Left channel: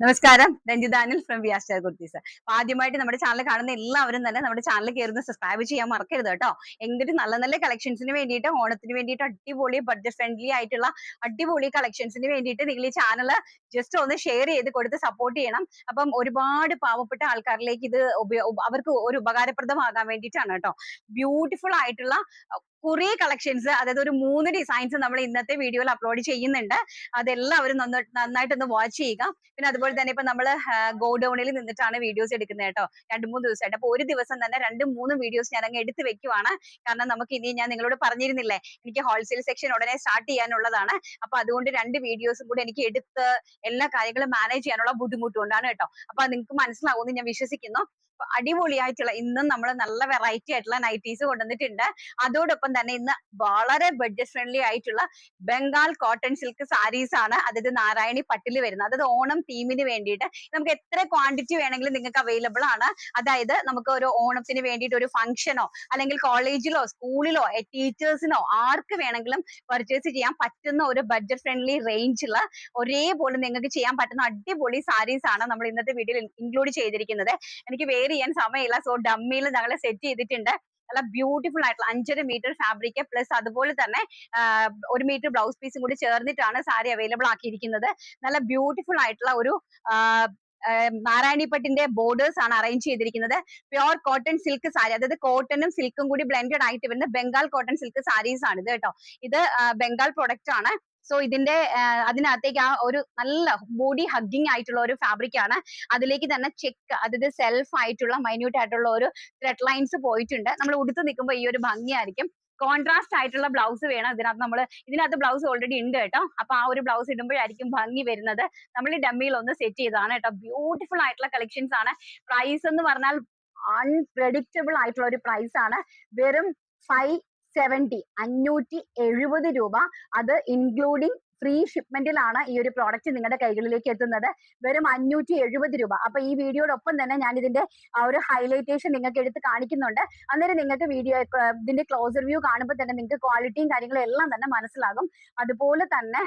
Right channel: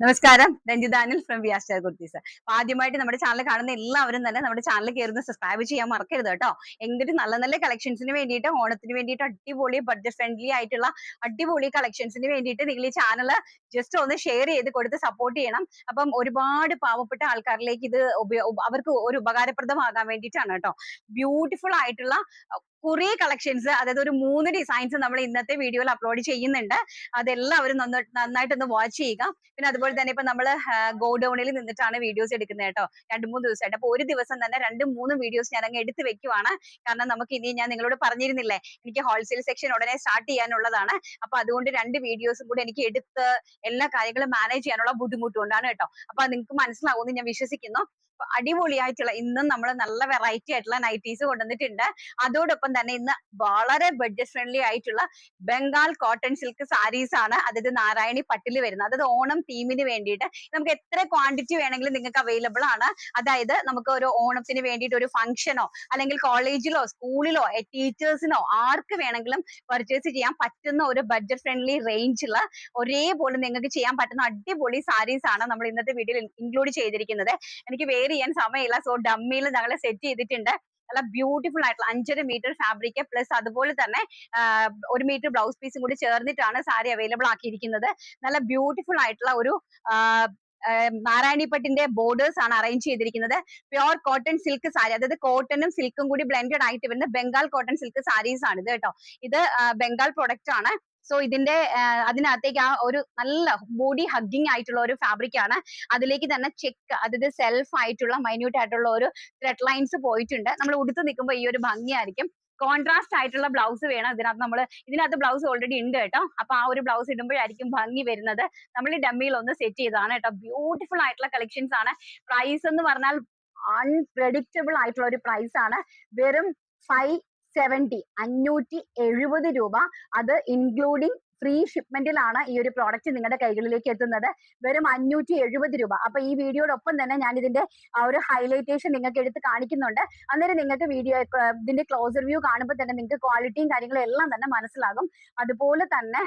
നമസ്കാരം, രഞ്ജിതാനിൽ from V R star kurtis. അപ്പൊ ആദ്യമായിട്ട് നമ്മുടെ ചാനൽ കാണുന്ന എല്ലാവരും തന്നെ നമ്മുടെ ചാനൽ കയറുന്ന സബ്സ്ക്രൈബ് ചെയ്യാൻ മറക്കരുത് കേട്ടോ. എന്നിട്ട് നല്ല നല്ല കളക്ഷൻസിന് വേണ്ടിയിട്ട്, ഓണത്തിന് വേണ്ടിയിട്ട് അടിപൊളി ബഡ്ജറ്റ് ഫ്രണ്ട്ലി ആയിട്ടുള്ള അടിപൊളി കളക്ഷൻസിന് വേണ്ടിയിട്ട് നിങ്ങൾ ഈ ചാനൽ ജസ്റ്റ് ഒന്ന് ഷെയർ ചെയ്ത് കൊടുത്ത് സപ്പോർട്ട് ചെയ്യണം. അപ്പം ഒരുപാട് പാവപ്പെട്ട ആൾക്കാരിലേക്ക് ഇത് അവർക്ക് ഒരു ഉപകാരപ്രദമാകാൻ വേണ്ടിയിട്ടാണ് കേട്ടോ. ബ്യൂട്ടിഫുൾ ആയിട്ടുള്ള കുറെ കളക്ഷൻസ്, അതായത് ഒരു 3 ഡിസൈൻസ് നമ്മൾ ഇന്നത്തെ വീഡിയോയിൽ അപ്ലോഡ് ചെയ്യുന്നുണ്ട്. അതെല്ലാവരും നന്നായിട്ടൊന്ന് വാച്ച് ചെയ്യുക. പിന്നെ അതുപോലെ തന്നെ ഇപ്പൊ നമ്മള് ഗോഡൌണിൽ നിന്നിട്ടാണ് വീഡിയോസ് എടുക്കുന്നത് കേട്ടോ. 2-3 ദിവസമായിട്ട്. അപ്പൊ ഒരു ദിവസം തന്നെ 2-3 വീഡിയോസ് ഞാൻ അങ്ങ് എടുത്ത് വെക്കുവാണ്. കാരണം നമുക്ക് ഇനി ഞാൻ നിങ്ങളോട് പറഞ്ഞിരുന്നില്ലേ, എനിക്ക് ഹോൾസെയിൽ സെക്ഷൻ ഉടനെ സ്റ്റാർട്ട് ചെയ്യാനുള്ളതാണ്. അപ്പൊ അതുകൊണ്ട് 2 വീഡിയോസും കൂടെ എനിക്ക് എടുത്ത് എല്ലാ കാര്യങ്ങളും മാനേജ് ചെയ്യാനുള്ള ബുദ്ധിമുട്ടുകൊണ്ടാണ് കേട്ടോ. അപ്പൊ നിങ്ങൾക്ക് മനസ്സിലാവുമെന്ന് ഞാൻ വിശ്വസിക്കുന്നു. അടിപൊളിയായിട്ടുള്ള ഇന്നും നമ്മൾ നല്ല വെറൈറ്റി ആയിട്ടുള്ള നൈറ്റീസ് കൊണ്ടുവന്നിട്ടുണ്ട്. അതോടൊപ്പം തന്നെ ഇന്ന് വളരെ ബഡ്ജറ്റ് ഫ്രണ്ട്ലി ആയിട്ടുള്ള ബംഗാൾ കോട്ടൺ സിൽക്ക് സാരീസ് ആണ്, അതായത് നാരായണി പട്ടിൽ വരുന്നത്. അതായത് ഓണം തീമിന് വേണ്ടിയിട്ട് നമുക്ക് എത്ര ക്വാണ്ടിറ്റി വേണമെങ്കിലും നിങ്ങൾക്ക് അവൈലബിൾ ആണ്. അതായത് നമുക്ക് ഒരു ഓണത്തിന് വേണ്ടിയിട്ട് ഒരു ഫംഗ്ഷനോ അല്ലെങ്കിൽ കോളേജിലോ സ്കൂളിലോ ടീച്ചേഴ്സിനോ ആർക്ക് വേണമെങ്കിലും പർച്ചേസ് ചെയ്യാൻ പറ്റുന്ന ഒരു ബഡ്ജറ്റ് ഫ്രണ്ട്ലി റേഞ്ചിലുള്ള ഒരേപോലെ നിങ്ങൾക്ക് ചെയ്യാൻ പറ്റുന്ന അടിപൊളി സാരീസ് ആണ് നമ്മൾ ഇന്നത്തെ വീഡിയോയിൽ ഇൻക്ലൂഡ് ചെയ്തിരിക്കുന്നത്. എനിക്ക് വെയർ ചെയ്യാൻ സമയമില്ല, സോ ഡമ്മിയിൽ ഞങ്ങൾ സെറ്റ് ചെയ്തിട്ടുണ്ട്. നല്ല ബ്യൂട്ടിഫുൾ ആയിട്ടുള്ള 5.5 മീറ്റർ ഫാബ്രിക് പ്ലസ് അതുപോലെ തന്നെ 1 മീറ്റർ ബ്ലൗസ് പീസും കൂടി ചേർന്നിട്ടാണ് സാരി അവൈലബിൾ ആക്കിയിരിക്കുന്നത്. നല്ല ബ്യൂട്ടിഫുൾ ആയിട്ടുള്ള ഒരു നാരായണിപ്പട്ടിന്റെ ബോർഡേഴ്സ് ആണ് അറേഞ്ച് ചെയ്തിരിക്കുന്നത്. പ്യോർ കോട്ടൺ സിൽക്ക് സാരി, അതായത് കോട്ടണും സിൽക്കും കൂടി ബ്ലെൻഡഡ് ആയിട്ട് വരുന്ന ബംഗാൾ കോട്ടൺ സിൽക്ക് സാരീസ് ആണ് ഇത് കേട്ടോ. ഇത് ബംഗാൾ പ്രൊഡക്റ്റ് ആണ്. സോ ഇതിന്റെ അതിനകത്തേക്ക് ആ ഒരു നല്ല ബോഡി ഹഗ്ഗിങ് ആയിട്ടുള്ള ഒരു ഫാബ്രിക് ആണ്. അതിലേക്ക് തന്നെ ചെക്ക്, അതായത് സെൽഫ് ആയിട്ടുള്ള മൈന്യൂട്ട് ആയിട്ടുള്ള ഒരു ത്രെഡ് ലൈൻസ് പോയിട്ടുണ്ട്. നമ്മൾ ഉടുത്ത് നിൽക്കുമ്പോൾ ഈ ഒരു ഭംഗിയായിരിക്കും. കോൺട്രാസ്റ്റ് ആയിട്ടുള്ള ബ്ലൗസ് വേണം ഇതിനകത്ത് ബ്ലൗസ് ഓൾറെഡി ഉണ്ട് കേട്ടോ. അപ്പൊ ആ ഒരു ബ്ലൗസ് ഇടുമ്പോഴായിരിക്കും ഭംഗി വരുന്നത്. നമ്മൾ ഈ ഡമ്മിയിൽ ഒന്ന് സെറ്റ് ചെയ്തതാണ് കേട്ടോ. ബ്യൂട്ടിഫുൾ ആയിട്ടുള്ള കളക്ഷൻസ് ആണ്. പ്രൈസ് എന്ന് പറഞ്ഞാൽ അൺപ്രഡിക്റ്റബിൾ ആയിട്ടുള്ള ഒരു പ്രൈസ് ആണ്. വെറും 570 രൂപ. അത് ഇൻക്ലൂഡിങ് ഫ്രീ ഷിപ്മെന്റിലാണ് ഈ ഒരു പ്രോഡക്റ്റ് നിങ്ങളുടെ കൈകളിലേക്ക് എത്തുന്നത്. വെറും 570 രൂപ. അപ്പൊ ഈ വീഡിയോടൊപ്പം തന്നെ ഞാൻ ഇതിന്റെ ആ ഒരു ഹൈലൈറ്റേഷൻ നിങ്ങൾക്ക് എടുത്ത് കാണിക്കുന്നുണ്ട്. അന്നേരം നിങ്ങൾക്ക് ഇതിന്റെ ക്ലോസർ വ്യൂ കാണുമ്പോൾ തന്നെ നിങ്ങൾക്ക് ക്വാളിറ്റിയും കാര്യങ്ങളും എല്ലാം തന്നെ മനസ്സിലാകും. അതുപോലെ തന്നെ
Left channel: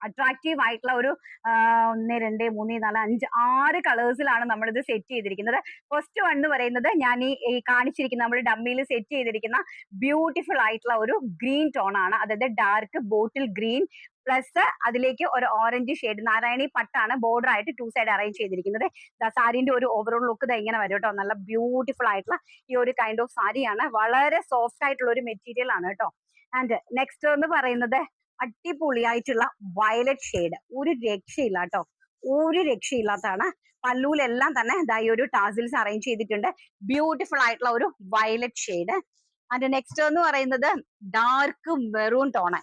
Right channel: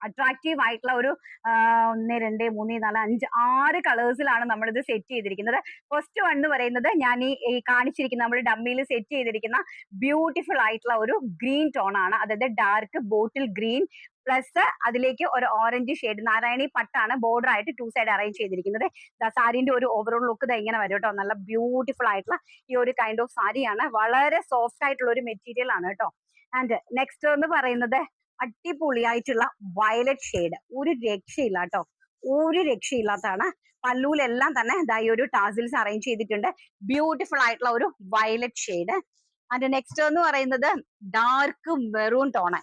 അട്രാക്റ്റീവ് ആയിട്ടുള്ള ഒരു 1, 2, 3, 4, 5, 6 കളേഴ്സിലാണ് നമ്മളിത് സെറ്റ് ചെയ്തിരിക്കുന്നത്. ഫസ്റ്റ് വൺ എന്ന് പറയുന്നത് ഞാൻ ഈ കാണിച്ചിരിക്കുന്ന നമ്മൾ ഡമ്മിയിൽ സെറ്റ് ചെയ്തിരിക്കുന്ന ബ്യൂട്ടിഫുൾ ആയിട്ടുള്ള ഒരു ഗ്രീൻ ടോൺ ആണ്. അതായത് ഡാർക്ക് ബോട്ടിൽ ഗ്രീൻ പ്ലസ് അതിലേക്ക് ഒരു ഓറഞ്ച് ഷെയ്ഡ് നാരായണി പട്ടാണ് ബോർഡർ ആയിട്ട് 2 സൈഡ് അറേഞ്ച് ചെയ്തിരിക്കുന്നത്. സാരിന്റെ ഒരു ഓവറോൾ ലുക്ക് ഇങ്ങനെ വരും കേട്ടോ. നല്ല ബ്യൂട്ടിഫുൾ ആയിട്ടുള്ള ഈ ഒരു കൈൻഡ് ഓഫ് സാരിയാണ്. വളരെ സോഫ്റ്റ് ആയിട്ടുള്ള ഒരു മെറ്റീരിയൽ ആണ് കേട്ടോ. ആൻഡ് നെക്സ്റ്റ് എന്ന് പറയുന്നത് അടിപൊളിയായിട്ടുള്ള വയലറ്റ് ഷെയ്ഡ്. ഒരു രക്ഷയില്ല കേട്ടോ, ഒരു രക്ഷയില്ലാത്തതാണ്. പല്ലൂലെല്ലാം തന്നെ ഈ ഒരു ടാസിൽസ് അറേഞ്ച് ചെയ്തിട്ടുണ്ട്. ബ്യൂട്ടിഫുൾ ആയിട്ടുള്ള ഒരു വയലറ്റ് ഷെയ്ഡ്. അതിന്റെ നെക്സ്റ്റ് എന്ന് പറയുന്നത് ഡാർക്ക് മെറൂൺ ടോണ്.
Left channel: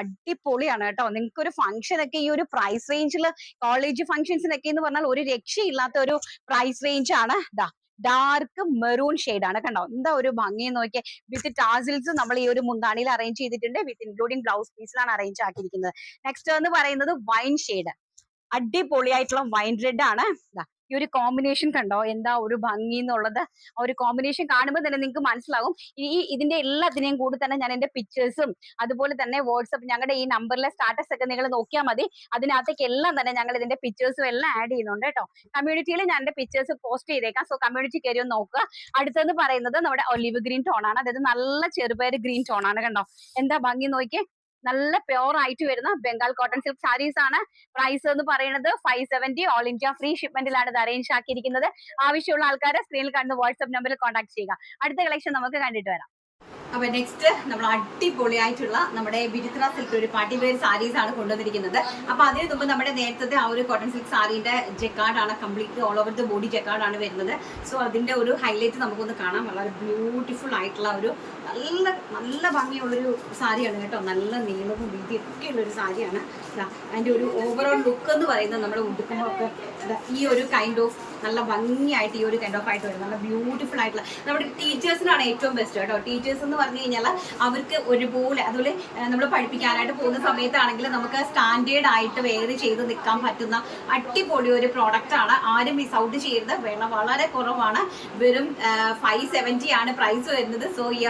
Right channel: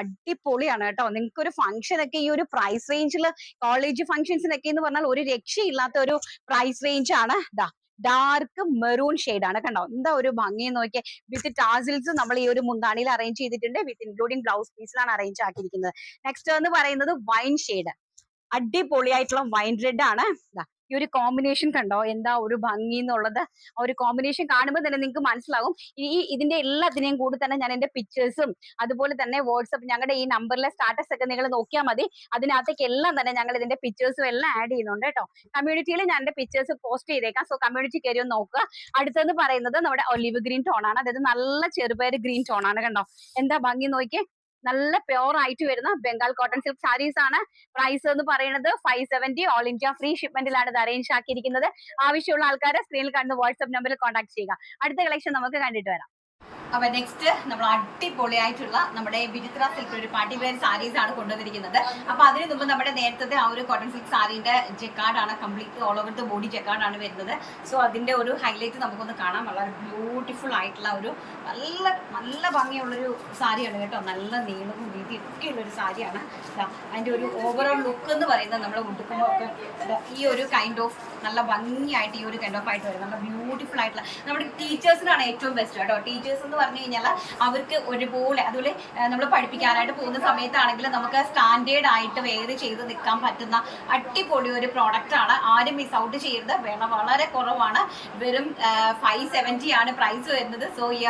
അടിപൊളിയാണ് കേട്ടോ. നിങ്ങൾക്ക് ഒരു ഫംഗ്ഷൻ ഒക്കെ ഈ ഒരു പ്രൈസ് റേഞ്ചിൽ, കോളേജ് ഫംഗ്ഷൻസിനൊക്കെ എന്ന് പറഞ്ഞാൽ ഒരു രക്ഷയില്ലാത്ത ഒരു പ്രൈസ് റേഞ്ച് ആണ്. ഡാർക്ക് മെറൂൺ ഷെയ്ഡ് ആണ്. കണ്ടോ എന്താ ഒരു ഭംഗി നോക്കിയേ. വിത്ത് ടാസിൽസ് നമ്മൾ ഈ ഒരു മുന്താണിയിൽ അറേഞ്ച് ചെയ്തിട്ടുണ്ട്. വിത്ത് ഇൻക്ലൂഡിംഗ് ബ്ലൗസ് പീസിലാണ് അറേഞ്ച് ആക്കിയിരിക്കുന്നത്. നെക്സ്റ്റ് എന്ന് പറയുന്നത് വൈൻ ഷെയ്ഡ്. അടിപൊളിയായിട്ടുള്ള വൈൻ റെഡ് ആണ്. ഈ ഒരു കോമ്പിനേഷൻ കണ്ടോ എന്താ ഒരു ഭംഗി എന്നുള്ളത്. ആ ഒരു കോമ്പിനേഷൻ കാണുമ്പോൾ തന്നെ നിങ്ങൾക്ക് മനസ്സിലാവും. ഇതിന്റെ എല്ലാത്തിനെയും കൂടി തന്നെ ഞാൻ എന്റെ പിക്ചേഴ്സും അതുപോലെ തന്നെ വാട്സപ്പ് ഞങ്ങളുടെ ഈ നമ്പറിലെ സ്റ്റാറ്റസ് ഒക്കെ നിങ്ങൾ നോക്കിയാൽ മതി. അതിനകത്തേക്ക് എല്ലാം തന്നെ ഞങ്ങൾ ഇതിന്റെ പിക്ചേഴ്സും എല്ലാം ആഡ് ചെയ്യുന്നുണ്ട് കേട്ടോ. കമ്മ്യൂണിറ്റിയിൽ ഞാൻ എന്റെ പിക്ചേഴ്സ് പോസ്റ്റ് ചെയ്തേക്കാം. സോ കമ്മ്യൂണിറ്റി കയറി ഒന്ന് നോക്കുക. അടുത്തെന്ന് പറയുന്നത് നമ്മുടെ ഒലിവ് ഗ്രീൻ ടോൺ ആണ്. അതായത് നല്ല ചെറുപയർ ഗ്രീൻ ടോൺ ആണ്. കണ്ടോ എന്താ ഭംഗി നോക്കിയേ. നല്ല പ്യോർ ആയിട്ട് വരുന്ന ബംഗാൾ കോട്ടൺ സിൽക്ക് സാരീസ് ആണ്. പ്രൈസ് എന്ന് പറയുന്നത് 570. ഓൾ ഇന്ത്യ ഫ്രീ ഷിപ്മെന്റിലാണ് ഇത് അറേഞ്ച് ആക്കിയിരിക്കുന്നത്. ആവശ്യമുള്ള ആൾക്കാരെ സ്ക്രീനിൽ കാണുന്ന വാട്സ്ആപ്പ് നമ്പറിൽ കോൺടാക്ട് ചെയ്യുക. അടുത്ത കളക്ഷൻ നമുക്ക് കണ്ടിട്ട് വരാം. അപ്പൊ നെക്സ്റ്റ് നമ്മൾ അടിപൊളിയായിട്ടുള്ള നമ്മുടെ വിചിത്ര സിൽക്ക് ഒരു പാർട്ടി വെയർ സാരീസ് ആണ് കൊണ്ടുവന്നിരിക്കുന്നത്. അപ്പൊ അതിന് മുമ്പ് നമ്മുടെ നേരത്തെ ആ ഒരു കോട്ടൺ സിൽക്ക് സാരിയുടെ ജെക്കാർഡ് ആണ്, complete all over the body jacquard ആണ് വരുന്നത്. സോ അതിന്റെ ഒരു ഹൈലൈറ്റ് നമുക്കൊന്ന് കാണാം. വളരെ ബ്യൂട്ടിഫുൾ ആയിട്ടുള്ള ഒരു നല്ല നല്ല ഭംഗിയുള്ളൊരു സാരിയാണ് കേട്ടോ. നല്ല നീളവും വീതിയൊക്കെ ഉള്ളൊരു സാരിയാണ്. അതിന്റെ ഒരു ഓവറോൾ ലുക്ക് എന്ന് പറയുന്നത് നമ്മൾ ഉടുക്കുമ്പോൾ ഒക്കെ ഈ ഒരു കൈൻഡ് ഓഫ് നല്ല ഭംഗിയായിട്ട് ഈ ഒരു കൈൻഡ് ഓഫ് ആയിട്ട് വരും. നല്ല ബ്യൂട്ടിഫുൾ ആയിട്ടുള്ള നമ്മുടെ ടീച്ചേഴ്സിനാണ് ഏറ്റവും ബെസ്റ്റ് കേട്ടോ. ടീച്ചേഴ്സ് എന്ന് പറഞ്ഞു കഴിഞ്ഞാൽ അവർക്ക് ഒരുപോലെ അതുപോലെ നമ്മൾ പഠിപ്പിക്കാനായിട്ട് പോകുന്ന സമയത്താണെങ്കിൽ നമുക്ക് സ്റ്റാൻഡേർഡ് ആയിട്ട് വെയർ ചെയ്ത് നിൽക്കാൻ പറ്റുന്ന അടിപൊളി ഒരു പ്രോഡക്റ്റ് ആണ്. ആരും മിസ് ഔട്ട് ചെയ്യരുത്. വില വളരെ കുറവാണ്. വെറും 570 ആണ് പ്രൈസ് വരുന്നത്. സോ ഈ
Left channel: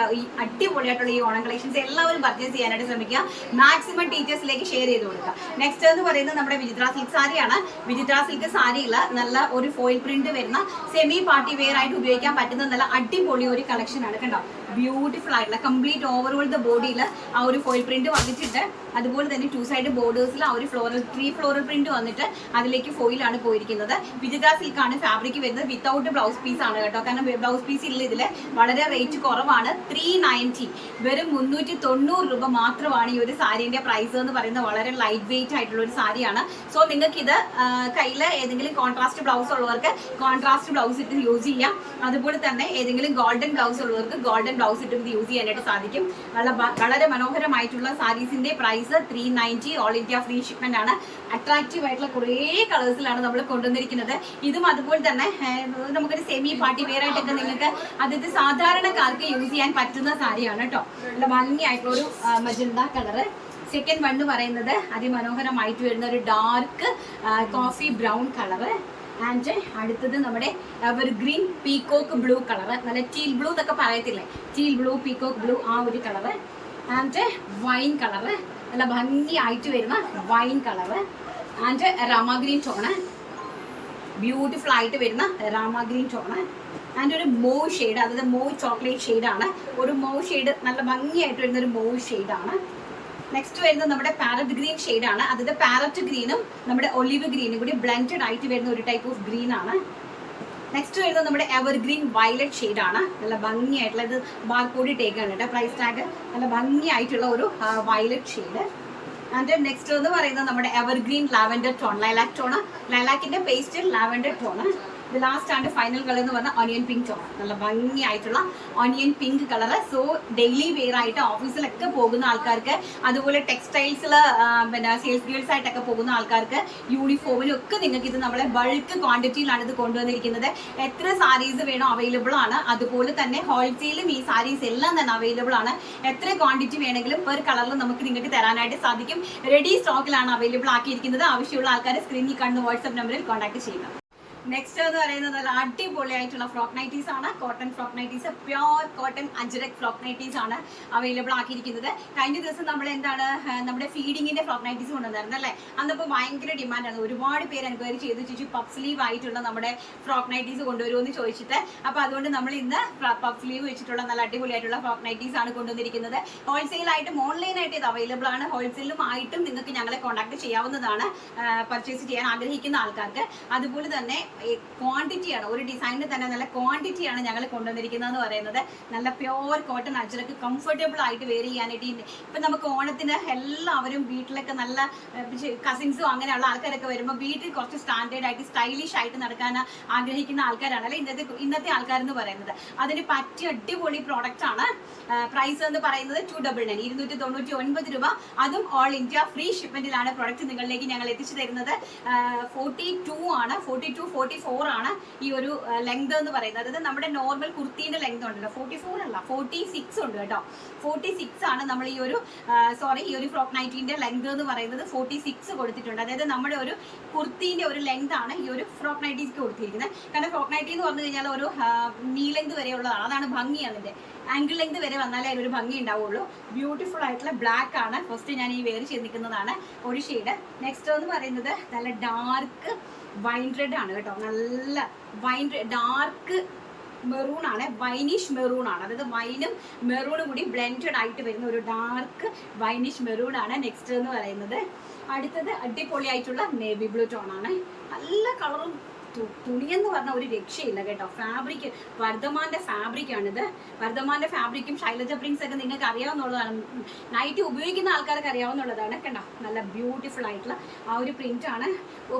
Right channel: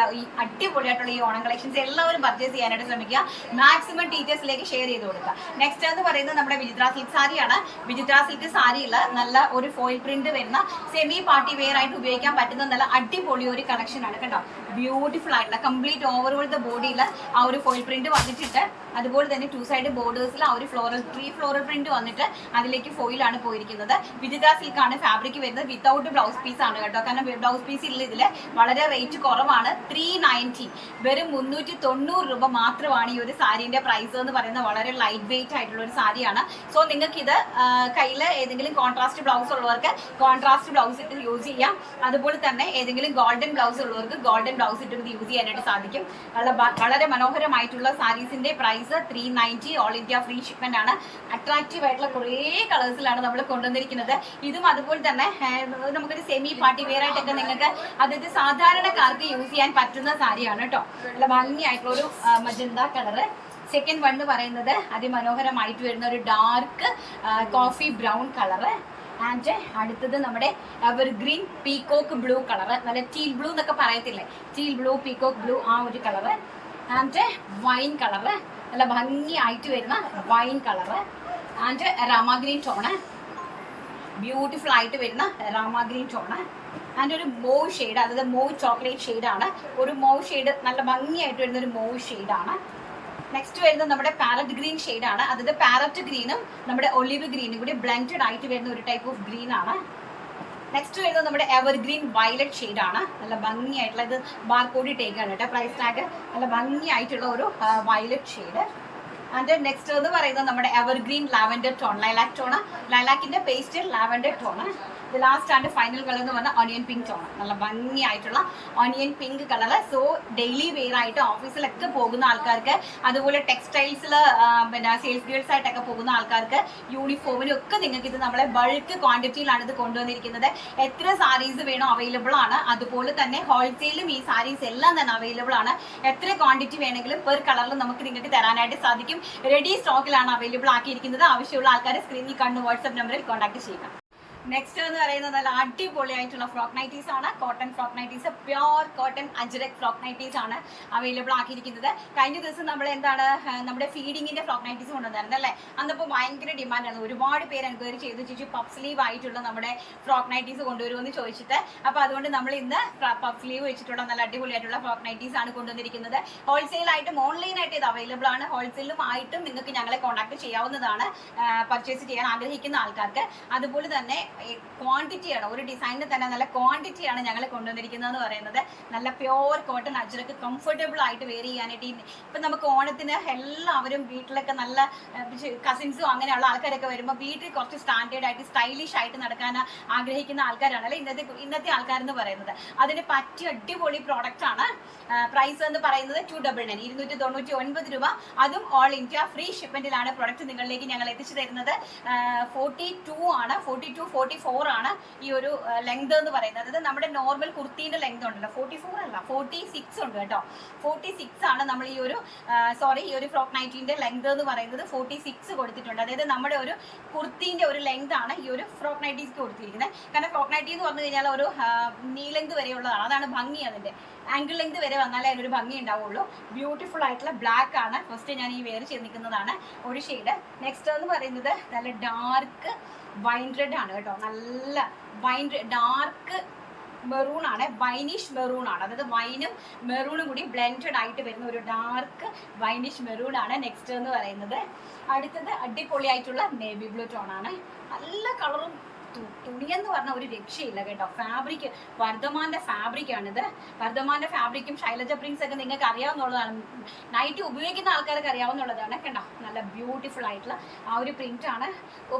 അടിപൊളിയായിട്ടുള്ള ഈ ഓണം കളക്ഷൻസ് എല്ലാവരും പർച്ചേസ് ചെയ്യാനായിട്ട് ശ്രമിക്കുക. മാക്സിമം ടീച്ചേഴ്സിലേക്ക് ഷെയർ ചെയ്ത് കൊടുക്കുക. നെക്സ്റ്റ് എന്ന് പറയുന്നത് നമ്മുടെ വിചിത്ര സിൽക്ക് സാരിയാണ്. വിചിത്ര സിൽക്ക് സാരിയിൽ നല്ല ഒരു ഫോയിൽ പ്രിന്റ് വരുന്ന സെമി പാർട്ടി വെയർ ആയിട്ട് ഉപയോഗിക്കാൻ പറ്റുന്ന നല്ല അടിപൊളി ഒരു കളക്ഷൻ ആണ്. കണ്ടോ, ബ്യൂട്ടിഫുൾ ആയിട്ടുള്ള കംപ്ലീറ്റ് ഓവറോൾ ദ ബോഡിയിൽ ആ ഒരു ഫോയിൽ പ്രിന്റ് വന്നിട്ടുണ്ട്. അതുപോലെ തന്നെ 2 സൈഡ് ബോർഡേഴ്സിൽ ആ ഒരു ഫ്ലോറൽ പ്രിന്റ് വന്നിട്ട് അതിലേക്ക് ഫോയിലാണ് പോയിരിക്കുന്നത്. വിചിത്ര സിൽക്ക് ആണ് ഫാബ്രിക് വരുന്നത്. വിത്തൗട്ട് ബ്ലൗസ് പീസ് ആണ് കേട്ടോ. കാരണം ബ്ലൗസ് പീസ് ഇല്ല. ഇതിൽ വളരെ റേറ്റ് കുറവാണ്. 390, വെറും 390 രൂപ മാത്രമാണ് ഈ ഒരു സാരീന്റെ പ്രൈസ് എന്ന് പറയുന്നത്. വളരെ ലൈറ്റ് വെയിറ്റ് ആയിട്ടുള്ള ഒരു സാരിയാണ്. സോ നിങ്ങൾക്ക് ഇത് കയ്യിൽ ഏതെങ്കിലും കോൺട്രാസ്റ്റ് ബ്ലൗസ് ഉള്ളവർക്ക് കോൺട്രാസ്റ്റ് ബ്ലൗസ് ഇട്ട് യൂസ് ചെയ്യാം. അതുപോലെ തന്നെ ഏതെങ്കിലും ഗോൾഡൻ ബ്ലൗസ് ഉള്ളവർക്ക് ഗോൾഡൻ ബ്ലൗസ് ഇട്ട് യൂസ് ചെയ്യാനായിട്ട് സാധിക്കും. വളരെ മനോഹരമായിട്ടുള്ള സാരീസിന്റെ price 390, all India free shipment ആണ്. അട്രാക്റ്റീവ് ആയിട്ടുള്ള കുറേ കളേഴ്സിലാണ് നമ്മൾ കൊണ്ടുവന്നിരിക്കുന്നത്. ഇതും അതുപോലെ തന്നെ നമുക്കൊരു സെമി പാർട്ടി വെയർ ആയിട്ടൊക്കെ നിങ്ങൾക്ക് അതായത് സാധാരണക്കാർക്ക് യൂസ് ചെയ്യാൻ പറ്റുന്ന സാരിയാണ് കേട്ടോ. നല്ല ഭംഗിയായിട്ടുള്ള ഒരു മജന്ത കളറ്. സെക്കൻഡ് വൺ എന്ന് പറയുന്നത് അതിമനോഹരമായിട്ട് വരുന്ന ഒരു dark coffee brown colour. And അടുത്തത് നമ്മുടെ എവർഗ്രീൻ പീകോക്ക് ബ്ലൂ കളറ്. നല്ല ടീൽ ബ്ലൂ എന്നൊക്കെ പറയത്തില്ലേ, ടീൽ ബ്ലൂ പീകോക്ക് ബ്ലൂ ആ ഒരു കളറ്. ആൻഡ് വൈൻ കളറ്, നല്ല ഭംഗിയായിട്ട് വരുന്ന wine colour. And rama green tone, beautiful ആയിട്ട് വരുന്ന രാമഗ്രീൻ ടോണ്. ആൻഡ് ഒരു മോവ് ഷെയ്ഡ്, അതായത് മോവ് ചോക്ലേറ്റ് ഷെയ്ഡാണ്. ഒരു മോവ് ഷെയ്ഡ് നല്ല ഭംഗിയായിട്ട് വരുന്ന ഒരു മോവ് ഷെയ്ഡാണ്. നെക്സ്റ്റ് വരുന്നത് നമ്മുടെ പാരറ്റ് ഗ്രീൻ ഷെയ്ഡാണ്. അതായത് പാരറ്റ് ഗ്രീനും നമ്മുടെ ഒലിവ് ഗ്രീനും കൂടി ബ്ലെൻഡഡ് ആയിട്ട് വരുന്ന ഒരു ടൈപ്പ് ഓഫ് ഗ്രീൻ ആണ്. നെക്സ്റ്റ് വരുന്നത് നമ്മുടെ എവർഗ്രീൻ വയലറ്റ് ഷെയ്ഡാണ്. നല്ല ഭംഗിയായിട്ടുള്ള, ഇത് ബാർകോഡ് ടേക്കാണ് കേട്ടോ, പ്രൈസ് ടാഗ്. നല്ല ഭംഗിയായിട്ടുള്ള ഒരു വയലറ്റ് ഷെയ്ഡ്. ആൻഡ് നെക്സ്റ്റ് എന്ന് പറയുന്നത് നമ്മുടെ evergreen lavender tone, lilac tone. ലൈലാക്കിന്റെ pastel lavender tone. Last and final colour എന്ന് പറഞ്ഞാൽ ഓണിയൻ പിങ്ക് ടോൺ. നല്ല ഭംഗിയായിട്ടുള്ള onion pink colour. So daily wear ആയിട്ട് ഓഫീസിലൊക്കെ പോകുന്ന ആൾക്കാർക്ക്, അതുപോലെ ടെക്സ്റ്റൈൽസിൽ പിന്നെ സെയിൽസ് ഗേൾസ് ആയിട്ടൊക്കെ പോകുന്ന ആൾക്കാർക്ക്, യൂണിഫോമിനും ഒക്കെ നിങ്ങൾക്ക് ഇത് നമ്മളെ ബൾക്ക് ക്വാണ്ടിറ്റിയിലാണ് ഇത് കൊണ്ടുവന്നിരിക്കുന്നത്. എത്ര സാരീസ് വേണോ അവൈലബിൾ ആണ്. അതുപോലെ തന്നെ ഹോൾസെയിലും ഈ സാരീസ് എല്ലാം തന്നെ അവൈലബിൾ ആണ്. എത്ര ക്വാണ്ടിറ്റി വേണമെങ്കിലും പെർ കളറിൽ നമുക്ക് നിങ്ങൾക്ക് തരാനായിട്ട് സാധിക്കും. റെഡി സ്റ്റോക്കിലാണ് അവൈലബിൾ ആക്കിയിരിക്കുന്നത്. ആവശ്യമുള്ള ആൾക്കാർ സ്ക്രീനിൽ കാണുന്ന വാട്സ്ആപ്പ് നമ്പറിൽ കോൺടാക്ട് ചെയ്യുക. നെക്സ്റ്റ് എന്ന് പറയുന്നത് നല്ല അടിപൊളിയായിട്ടുള്ള ഫ്രോക്ക് നൈറ്റീസ് ആണ്. Cotton frock nighties, pure cotton ajrak frock nighties ആണ് അവൈലബിൾ ആക്കിയിരിക്കുന്നത്. കഴിഞ്ഞ ദിവസം നമ്മൾ എന്താണ് നമ്മുടെ ഫീഡിങ്ങിന്റെ ഫ്രോക്ക് നൈറ്റീസ് കൊണ്ടുവന്നായിരുന്നു അല്ലേ. അന്നപ്പോൾ ഭയങ്കര ഡിമാൻഡാണ്. ഒരുപാട് പേര് എൻക്വയറി ചെയ്ത് ചോദിച്ചു പഫ് സ്ലീവ് ആയിട്ടുള്ള നമ്മുടെ ഫ്രോക്ക് നൈറ്റീസ് കൊണ്ടുവരുമെന്ന് ചോദിച്ചിട്ട്. അപ്പോൾ അതുകൊണ്ട് നമ്മൾ ഇന്ന് പഫ് സ്ലീവ് വെച്ചിട്ടുള്ള നല്ല അടിപൊളിയായിട്ടുള്ള ഫ്രോക്ക് നൈറ്റീസ് ആണ് കൊണ്ടുവന്നിരിക്കുന്നത്. ഹോൾസെയിലായിട്ടും ഓൺലൈനായിട്ട് ഇത് അവൈലബിൾ ആണ്. ഹോൾസെയിലും ആയിട്ടും നിങ്ങൾക്ക് ഞങ്ങളെ കോൺടാക്ട് ചെയ്യാവുന്നതാണ് പർച്ചേസ് ചെയ്യാൻ ആഗ്രഹിക്കുന്ന ആൾക്കാർക്ക്. അതുപോലെ തന്നെ ക്വാണ്ടിറ്റിയാണ്, ഒരു ഡിസൈനിൽ തന്നെ നല്ല ക്വാണ്ടിറ്റിയാണ് ഞങ്ങൾ കൊണ്ടുവന്നിരിക്കുന്നത് എന്ന് പറയുന്നത്. നല്ല പ്യോർ കോട്ടൺ അജ്രക്ക് കംഫർട്ടബിൾ ആയിട്ട് വെയർ ചെയ്യാനായിട്ട്. ഇപ്പം നമുക്ക് ഓണത്തിന് എല്ലാവരും വീട്ടിലൊക്കെ നല്ല കസിൻസും അങ്ങനെയുള്ള ആൾക്കാരൊക്കെ വരുമ്പോൾ വീട്ടിൽ കുറച്ച് സ്റ്റാൻഡേർഡ് ആയിട്ട് സ്റ്റൈലിഷ് ആയിട്ട് നടക്കാൻ ആഗ്രഹിക്കുന്ന ആൾക്കാരാണ് അല്ലെ ഇന്നത്തെ ആൾക്കാരെന്ന് പറയുന്നത്. അതിന് പറ്റിയ അടിപൊളി പ്രോഡക്റ്റ് ആണ്. പ്രൈസ് എന്ന് പറയുന്നത് 299, 299 രൂപ. അതും ഓൾ ഇന്ത്യ ഫ്രീ ഷിപ്മെന്റിലാണ് പ്രൊഡക്റ്റ് നിങ്ങളിലേക്ക് ഞങ്ങൾ എത്തിച്ചു തരുന്നത്. 42 ആണ്, 42, 44 ആണ് ഈ ഒരു ലെങ്ത് എന്ന് പറയുന്നത്. അതായത് നമ്മുടെ നോർമൽ കുർത്തീന്റെ ലെങ്ത് ഉണ്ടല്ലോ, 44 അല്ല 46 ഉണ്ട് കേട്ടോ. 46 ആണ് നമ്മൾ ഈ ഒരു ഫ്രോക്ക് നൈറ്റിന്റെ ലെങ്ത് എന്ന് പറയുന്നത്. 46 കൊടുത്തിട്ടുണ്ട്. അതായത് നമ്മുടെ ഒരു കുർത്തീന്റെ ഒരു ലെങ്ത് ആണ് ഈ ഒരു ഫ്രോക്ക് നൈറ്റീസ്ക്ക് കൊടുത്തിരിക്കുന്നത്. കാരണം ഫ്രോക്ക് നൈറ്റി എന്ന് പറഞ്ഞു കഴിഞ്ഞാൽ ഒരു നീ ലെങ്ത് വരെയുള്ളതാണ്. അതാണ് ഭംഗി. അതിന്റെ ആംഗിൾ ലെങ്ത് വരെ വന്നാലേ അതിനൊരു ഭംഗി ഉണ്ടാവുള്ളൂ. ബ്യൂട്ടിഫുൾ ആയിട്ടുള്ള ബ്ലാക്ക് ആണ് ഫസ്റ്റ് ഞാൻ ഈ വെയർ ചെയ്ത് നിൽക്കുന്നതാണ് ഒരു ഷെയ്ഡ്. നെക്സ്റ്റ് എന്ന് പറയുന്നത് നല്ല ഡാർക്ക് വൈൻ റെഡ് ആണ് കേട്ടോ. നല്ല വൈൻ ഡാർക്ക് മെറൂൺ ആണ്, വൈനിഷ് മെറൂൺ ആണ്. അതായത് വൈനും മെറൂണും കൂടി ബ്ലെൻഡഡ് ആയിട്ട് വരുന്ന ഒരു ഡാർക്ക് വൈനിഷ് മെറൂൺ ആണ് നെക്സ്റ്റ് എന്ന് പറയുന്നത്. അടുത്തത് അടിപൊളിയായിട്ടുള്ള നേവി ബ്ലൂ ടോൺ ആണ്. നല്ല കളറും തുണിയെന്ന് പറഞ്ഞ ഒരു രക്ഷയില്ല കേട്ടോ. ഫാബ്രിക് വർദ്ധമാന്റെ ഫാബ്രിക് ആണിത്. വർദ്ധമാന്റെ ഫാബ്രിക്കും ശൈലജ പ്രിന്റ്സ് ഒക്കെ നിങ്ങൾക്ക് അറിയാവുന്നതാണ്. നൈറ്റ് ഉപയോഗിക്കുന്ന ആൾക്കാർക്ക് അറിയാവുന്നതാണ്. കണ്ടോ, നല്ല ബ്യൂട്ടിഫുൾ ആയിട്ടുള്ള ആ ഒരു പ്രിന്റ് ആണ്.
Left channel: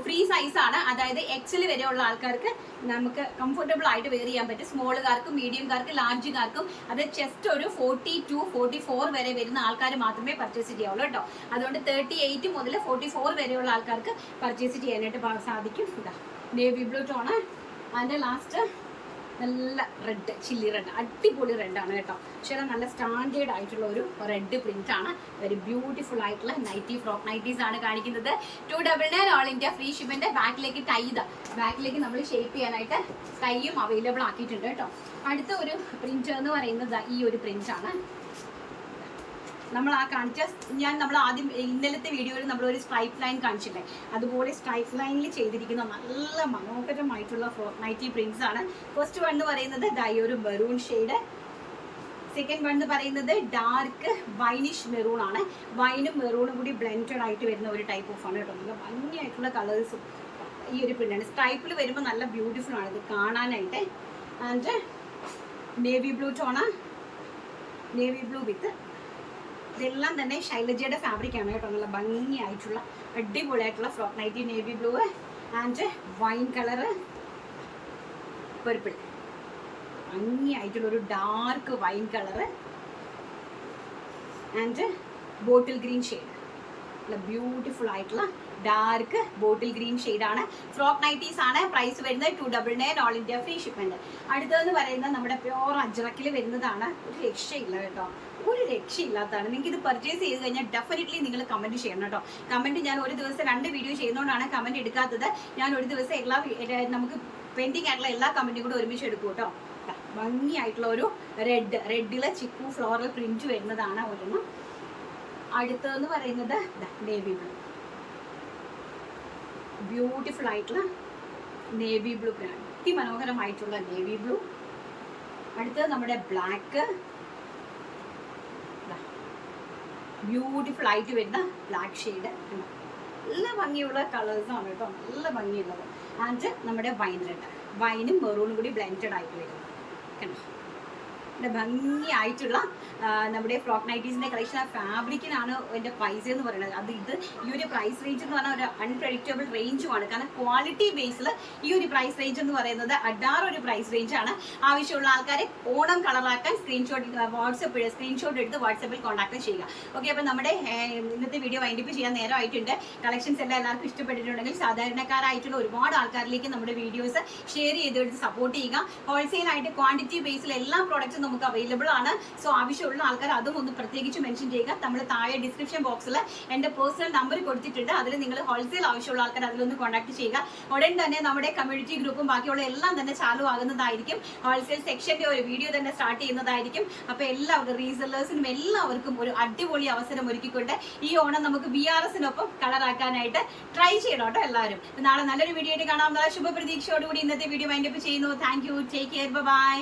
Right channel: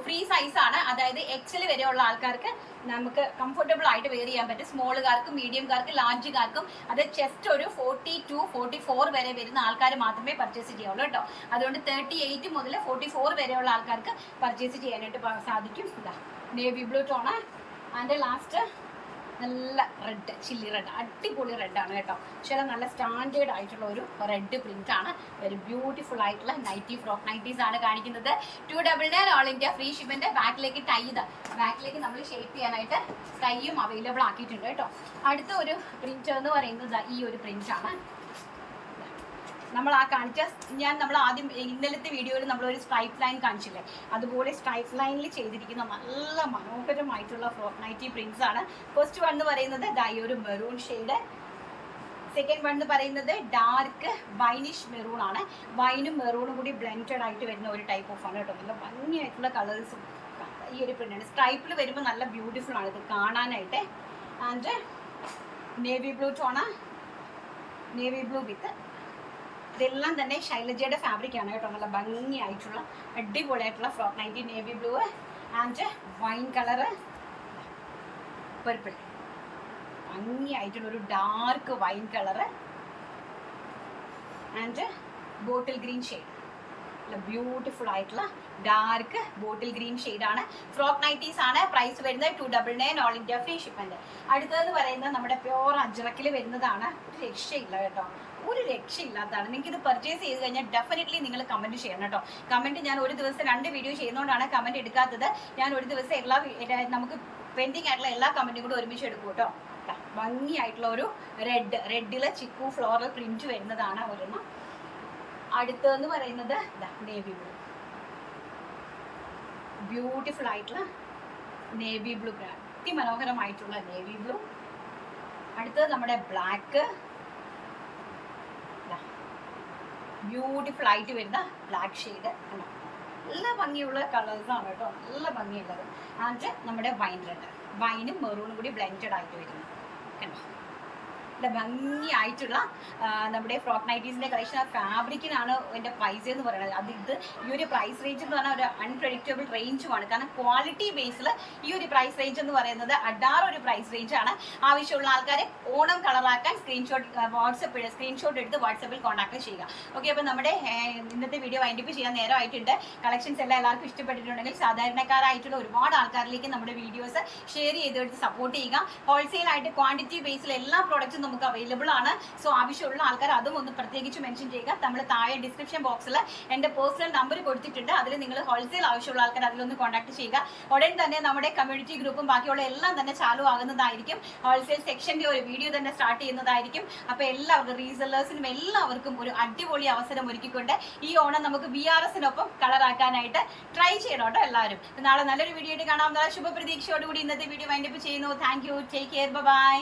ഫ്രീ സൈസ് ആണ്. അതായത് എക്സൽ വരെയുള്ള ആൾക്കാർക്ക് നമുക്ക് കംഫർട്ടബിൾ ആയിട്ട് വെയർ ചെയ്യാൻ പറ്റും. സ്മോളുകാർക്കും മീഡിയംകാർക്കും ലാർജുകാർക്കും അത് ചെസ്റ്റ് ഒരു 42, 44 വരെ വരുന്ന ആൾക്കാർ മാത്രമേ പർച്ചേസ് ചെയ്യാവുള്ളൂ കേട്ടോ. അതുകൊണ്ട് 38 മുതൽ 44 വരെയുള്ള ആൾക്കാർക്ക് പർച്ചേസ് ചെയ്യാനായിട്ട് സാധിക്കും. ഇതാ navy blue tone. And last നല്ല റെഡ്, ചില്ലി റെഡ്, അടിപൊളി റെഡാണ് കേട്ടോ. പക്ഷേ നല്ല സ്റ്റാൻഡേർഡ് ആയിട്ടുള്ള ഒരു റെഡ് പ്രിന്റ് ആണ്. വെരി ബ്യൂട്ടിഫുൾ ആയിട്ടുള്ള നൈറ്റി, ഫ്രോക്ക് നൈറ്റീസ് ആണ് കാണിക്കുന്നത്. 299 ഓൾ ഇന്ത്യ ഫ്രീ ഷിപ്പിന്റെ. ബാക്കിലേക്ക് ടൈ, ബാക്കിലേക്ക് നമ്മൾ ഷേപ്പ് ചെയ്യാനായിട്ട് ടൈയും അവൈലബിൾ ആക്കിയിട്ടുണ്ട് കേട്ടോ. അടുത്ത ഒരു പ്രിന്റ് എന്ന് പറയുന്നത് ഈ ഒരു പ്രിന്റ് ആണ്. നമ്മൾ ആ കാണിച്ച, നമ്മൾ ആദ്യം ഇന്നലത്തെ വീഡിയോയിൽ നമ്മൾ ഒരു സ്ട്രൈപ്പ് ലൈൻ കാണിച്ചില്ലേ, അതുപോലെ സ്ട്രൈപ്പ് ലൈനിൽ ചെയ്തിരിക്കുന്ന നല്ല മനോഹരമായിട്ടുള്ള ഫ്രോക്ക് നൈറ്റി പ്രിന്റ്സ് ആണ്. ഫസ്റ്റ് വൺ എന്ന് പറയുന്നത് ഈ ഒരു മെറൂൺ ഷെയ്ഡ്. സെക്കൻഡ് വൺ എന്ന് പറയുന്നത് ഡാർക്ക് വൈനിഷ് മെറൂൺ ആണ്. വൈനും മെറൂണും കൂടി ബ്ലെൻഡഡ് ആയിട്ട് വരുന്ന ഒരു ടൈപ്പ് ഓഫ് ആണ് കേട്ടോ. നല്ല ഭംഗിയായിട്ടുള്ള കളേഴ്സും ഈ ഒരു പ്രിന്റാണ്. സ്ട്രൈപ്പിൽ വരുമ്പോൾ നല്ല ബ്യൂട്ടിഫുൾ ആണ് ഇത് കാണാനായിട്ട്. And navy blue tone, navy blue with, ഇതെല്ലാം തന്നെ ശൈലജയുടെ ഫാബ്രിക് ആണ് കേട്ടോ. നല്ല ഭംഗിയായിട്ടുള്ള അടിപൊളിയായിട്ടുള്ള frock nightie, navy blue and wine colour, purple, ഭംഗിയായിട്ടുള്ള ഒരു dark wine colour and bottle green shade. നല്ല ബ്യൂട്ടിഫുൾ ആയിട്ടുള്ള ഡാർക്ക് ബോട്ടിൽ ഗ്രീൻ ഷെയ്ഡാണ്. ഫ്രോക്ക് നൈറ്റീസ് ആണ്. പ്രൈസ് വരുന്നത് 299 ഓൾ ഇന്ത്യ ഫ്രീ ഷിപ്മെന്റ്. അടുത്തതെന്ന് പറയുന്നത് നമ്മുടെ പ്യോർ അജ്രക്കിൽ വരുന്നതാണ്. ഒരു രക്ഷയില്ല കേട്ടോ, ഒരു രക്ഷയില്ലാത്തതാണ്. നിങ്ങൾക്ക് ഇത് പർച്ചേസ് ചെയ്ത് കഴിഞ്ഞാൽ ഡെഫിനറ്റ്ലി നിങ്ങൾ കമന്റ് ചെയ്യണം കേട്ടോ. കമന്റ് ഞാൻ ഒരു ദിവസം 2 വീഡിയോ ചെയ്യുന്നതുകൊണ്ടാണ് കമന്റ് എടുക്കാത്തത്. ഞാൻ ഒരു ദിവസം നമുക്ക് പെൻഡിങ് ആയിട്ടുള്ള എല്ലാ കമന്റും കൂടെ ഒരുമിച്ച് എടുക്കും കേട്ടോ. ഭംഗിയായിട്ടുള്ള ഒരു റെഡിലെ ചിക്കു ഫ്ലോറൽ പ്രിന്റ് വരുന്നതാണ് ഒരെണ്ണം. അടുത്തതെന്ന് പറയുന്നത് നേവി ബ്ലൂ, ബ്യൂട്ടിഫുൾ ആയിട്ടുള്ള നേവി ബ്ലൂ, അതിമനോഹരമായിട്ടുള്ള നേവി ബ്ലൂ. അടുത്തത് നമ്മുടെ ബ്ലാക്ക്, ബ്യൂട്ടിഫുൾ ആയിട്ട് വരുന്ന ബ്ലാക്ക് ഷെയ്ഡ്. നല്ല ഭംഗിയുള്ള കളേഴ്സാണ് കേട്ടോ, നല്ല ഭംഗിയുള്ളത്. ആൻഡ് നമ്മുടെ വൈൻ റെഡ്, വൈനും മെറൂണും കൂടി ബ്ലെൻഡഡ് ആയിട്ട് വരുന്നത് കണ്ടോ. നല്ല ഭംഗിയായിട്ടുള്ള നമ്മുടെ ഫ്രോക്ക് നൈറ്റീസിന്റെ കളക്ഷൻ. ഫാബ്രിക്കിനാണ് എൻ്റെ പ്രൈസ് എന്ന് പറയുന്നത്. ഇത് ഈ ഒരു പ്രൈസ് റേഞ്ച് എന്ന് പറഞ്ഞാൽ ഒരു അൺപ്രഡിക്റ്റബിൾ റേഞ്ചുമാണ്. കാരണം ക്വാളിറ്റി ബേസിൽ ഈ ഒരു പ്രൈസ് റേഞ്ച് എന്ന് പറയുന്നത് ഒരു പ്രൈസ് റേഞ്ച് ആണ്. ആവശ്യമുള്ള ആൾക്കാരെ ഓണം കളറാക്കാൻ സ്ക്രീൻഷോട്ട് എടുത്ത് വാട്സപ്പിൽ കോൺടാക്ട് ചെയ്യുക. ഓക്കെ, അപ്പോൾ നമ്മുടെ ഇന്നത്തെ വീഡിയോ വൈൻഡപ്പ് ചെയ്യാൻ നേരമായിട്ടുണ്ട്. കളക്ഷൻസ് എല്ലാം എല്ലാവർക്കും ഇഷ്ടപ്പെട്ടിട്ടുണ്ടെങ്കിൽ സാധാരണക്കാരായിട്ടുള്ള ഒരുപാട് ആൾക്കാരിലേക്ക് നമ്മുടെ വീഡിയോസ് ഷെയർ ചെയ്തെടുത്ത് സപ്പോർട്ട് ചെയ്യുക. ഹോൾസെയിൽ ആയിട്ട് ക്വാണ്ടിറ്റി ബേസിൽ എല്ലാ പ്രോഡക്റ്റ്സും നമുക്ക് അവൈലബിൾ ആണ്. സോ ആവശ്യമുള്ള ആൾക്കാർ അതും ഒന്ന് പ്രത്യേകിച്ച് മെൻഷൻ ചെയ്യുക. നമ്മൾ താഴെ ഡിസ്ക്രിപ്ഷൻ ബോക്സിൽ എൻ്റെ പേഴ്സണൽ നമ്പർ കൊടുത്തിട്ടുണ്ട്. അതിൽ നിങ്ങൾ ഹോൾസെയിൽ ആവശ്യമുള്ള ആൾക്കാർ അതിലൊന്ന് കോൺടാക്ട് ചെയ്യുക. ഉടൻ തന്നെ നമ്മുടെ കമ്മ്യൂണിറ്റി ഗ്രൂപ്പും ബാക്കിയുള്ള എല്ലാം തന്നെ ചാലു ആകുന്നതായിരിക്കും. ഹോൾസെയിൽ സെക്ഷൻ്റെ ഒരു വീഡിയോ തന്നെ സ്റ്റാർട്ട് ചെയ്യുന്നതായിരിക്കും. അപ്പോൾ എല്ലാവർക്കും റീസെല്ലേഴ്സിനും എല്ലാവർക്കും ഒരു അടിപൊളി അവസരം ഒരുക്കിക്കൊണ്ട് ഈ ഓണം നമുക്ക് BRSനൊപ്പം കളറാക്കാനായിട്ട് ട്രൈ ചെയ്യണം കേട്ടോ എല്ലാവരും. നാളെ നല്ലൊരു വീഡിയോ ആയിട്ട് കാണാമെന്നുള്ള ശുഭപ്രതീക്ഷയോടുകൂടി ഇന്നത്തെ വീഡിയോ വൈൻഡപ്പ് ചെയ്യുന്നു. Thank you, take care, by.